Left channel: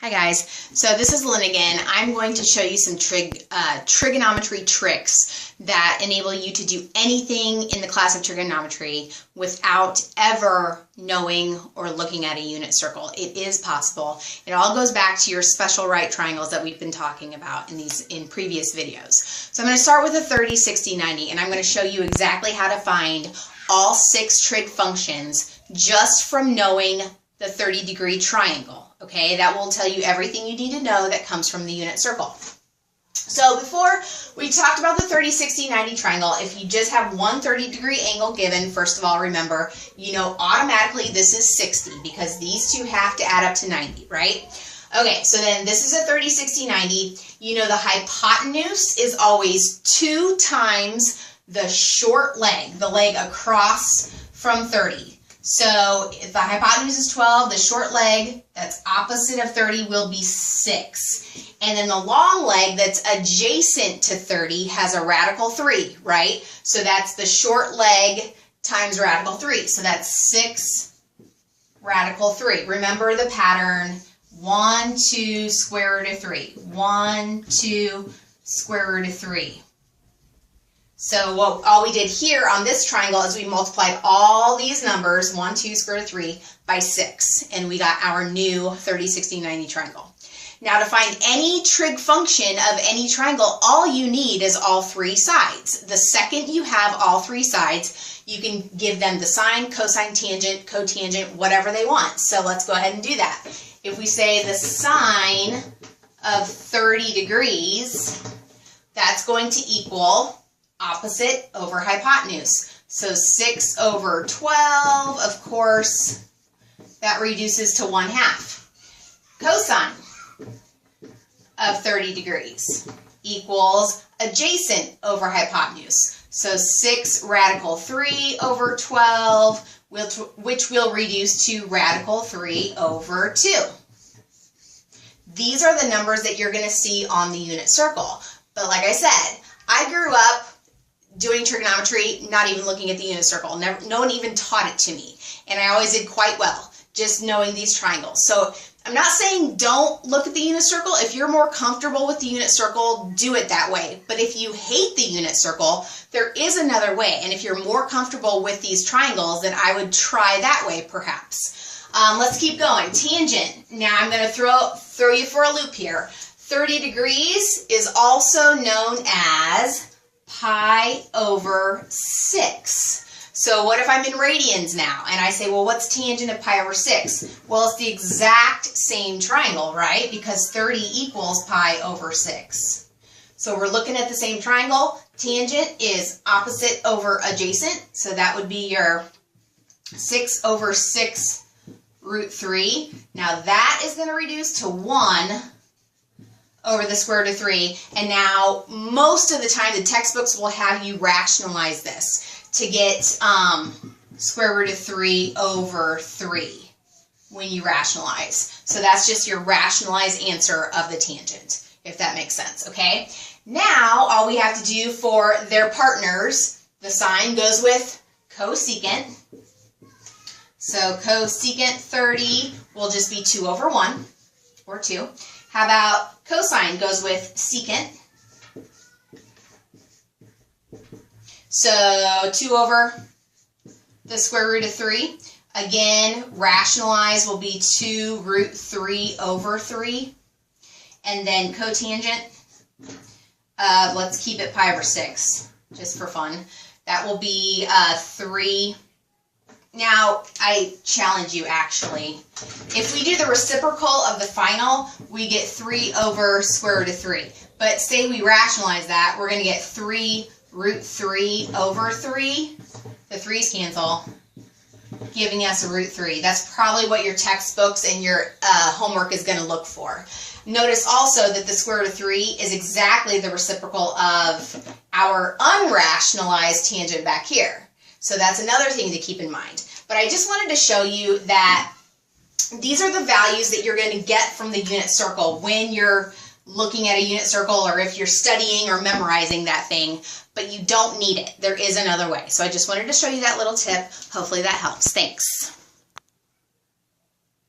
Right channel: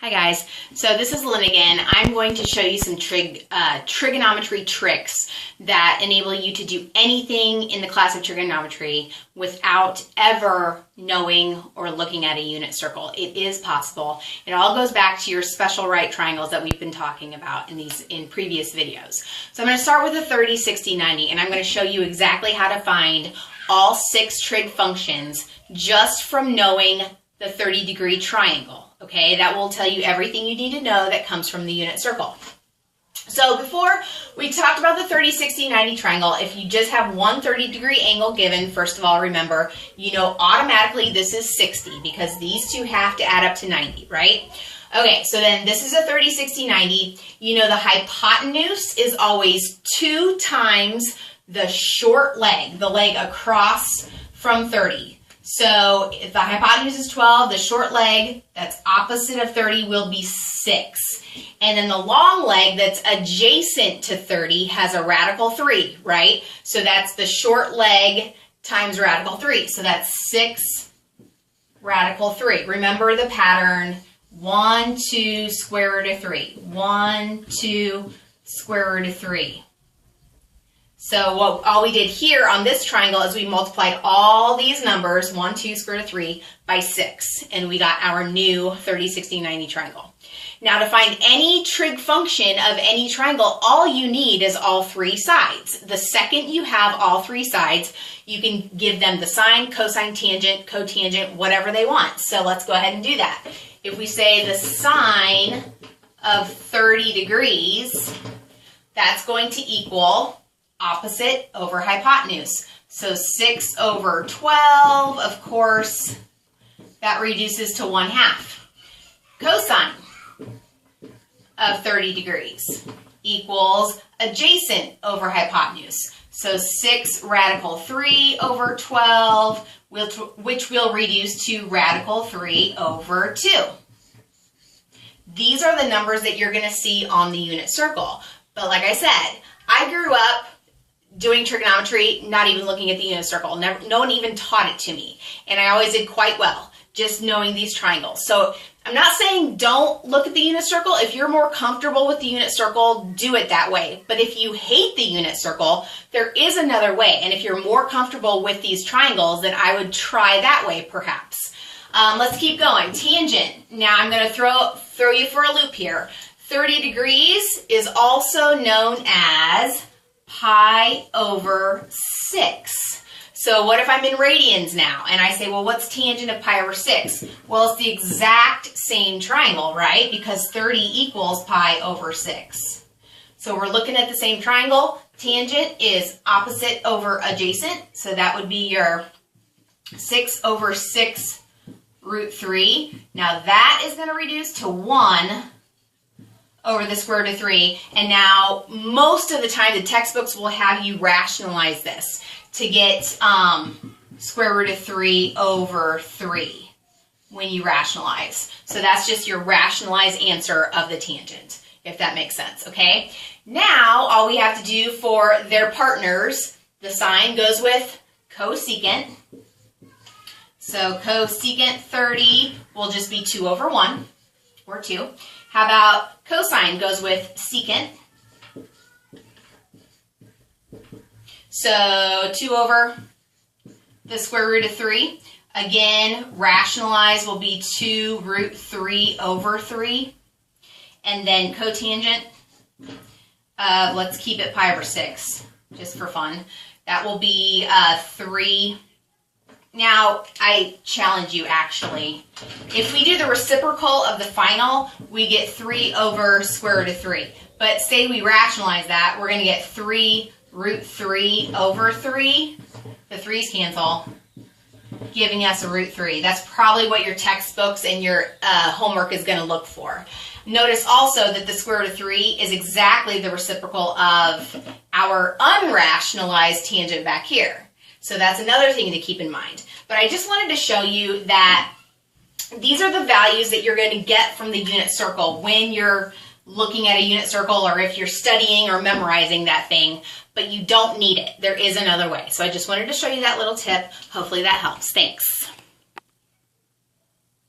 Hi guys, so this is Lynn again. I'm going to show you some trigonometry tricks that enable you to do anything in the class of trigonometry without ever knowing or looking at a unit circle. It is possible. It all goes back to your special right triangles that we've been talking about in previous videos. So I'm going to start with a 30, 60, 90, and I'm going to show you exactly how to find all 6 trig functions just from knowing the 30-degree triangle. Okay, that will tell you everything you need to know that comes from the unit circle. So before we talked about the 30, 60, 90 triangle, if you just have one 30-degree angle given, first of all, remember, you know automatically this is 60 because these two have to add up to 90, right? Okay, so then this is a 30, 60, 90. You know the hypotenuse is always 2 times the short leg, the leg across from 30. So if the hypotenuse is 12, the short leg that's opposite of 30 will be 6. And then the long leg that's adjacent to 30 has a radical 3, right? So that's the short leg times radical 3. So that's 6 radical 3. Remember the pattern, 1, 2, square root of 3. 1, 2, square root of 3. So all we did here on this triangle is we multiplied all these numbers, 1, 2, square root of 3, by 6. And we got our new 30, 60, 90 triangle. Now to find any trig function of any triangle, all you need is all 3 sides. The second you have all 3 sides, you can give them the sine, cosine, tangent, cotangent, whatever they want. So let's go ahead and do that. If we say the sine of 30 degrees, that's going to equal opposite over hypotenuse. So 6 over 12, of course, that reduces to 1/2. Cosine of 30 degrees equals adjacent over hypotenuse. So 6 radical 3 over 12, which will reduce to radical 3 over 2. These are the numbers that you're going to see on the unit circle. But like I said, I grew up doing trigonometry, not even looking at the unit circle. No one even taught it to me. And I always did quite well, just knowing these triangles. So I'm not saying don't look at the unit circle. If you're more comfortable with the unit circle, do it that way. But if you hate the unit circle, there is another way. And if you're more comfortable with these triangles, then I would try that way perhaps. Let's keep going. Tangent. Now I'm going to throw you for a loop here. 30 degrees is also known as pi over 6. So what if I'm in radians now and I say, well, what's tangent of pi over 6? Well, it's the exact same triangle, right? Because 30 equals pi over 6. So we're looking at the same triangle. Tangent is opposite over adjacent. So that would be your 6 over 6 root 3. Now that is going to reduce to 1 over the square root of 3. And now most of the time the textbooks will have you rationalize this to get square root of 3 over 3 when you rationalize. So that's just your rationalized answer of the tangent, if that makes sense, okay? Now all we have to do for their partners, the sine goes with cosecant. So cosecant 30 will just be 2 over 1, or 2. How about cosine goes with secant? So 2 over the square root of 3. Again, rationalize will be 2 root 3 over 3. And then cotangent, let's keep it pi over 6, just for fun. That will be 3. Now, I challenge you actually. If we do the reciprocal of the final, we get 3 over square root of 3. But say we rationalize that, we're going to get 3 root 3 over 3. The 3's cancel, giving us a root 3. That's probably what your textbooks and your homework is going to look for. Notice also that the square root of 3 is exactly the reciprocal of our unrationalized tangent back here. So that's another thing to keep in mind. But I just wanted to show you that these are the values that you're going to get from the unit circle when you're looking at a unit circle or if you're studying or memorizing that thing, but you don't need it. There is another way. So I just wanted to show you that little tip. Hopefully that helps. Thanks.